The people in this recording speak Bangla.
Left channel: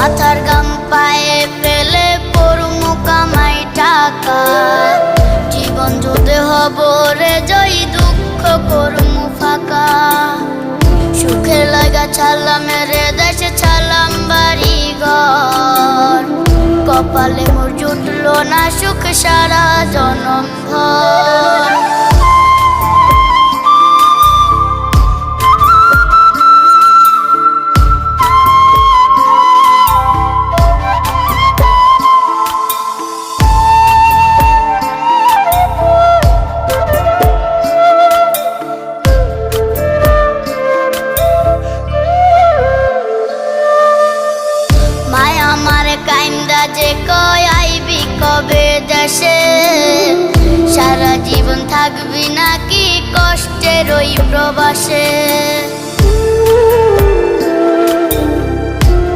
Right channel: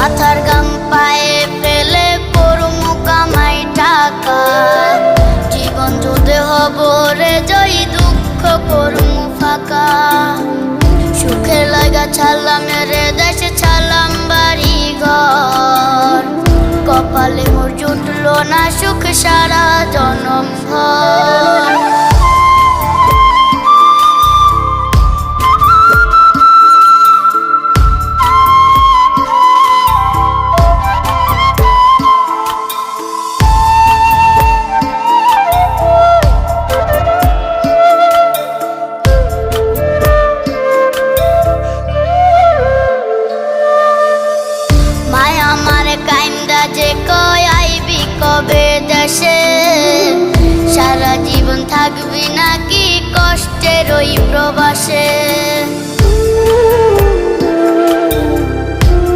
মাথার গাম পায়ে ফেলে করমু কামাই টাকা, জীবন যুদ্ধে হব রে জয়ী, দুঃখ করমু ফাঁকা। সুখের লাগা ছাড়লাম রে দেশে, ছাড়লাম বাড়ি ঘর, কপালে মোর জুটলো না সুখ সারা জনম ভর। মায়া আমারে কাইন্দা যে কয় আইবি কবে দেশে, সারা জীবন থাকবি নাকি কষ্টের ওই প্রবাসে।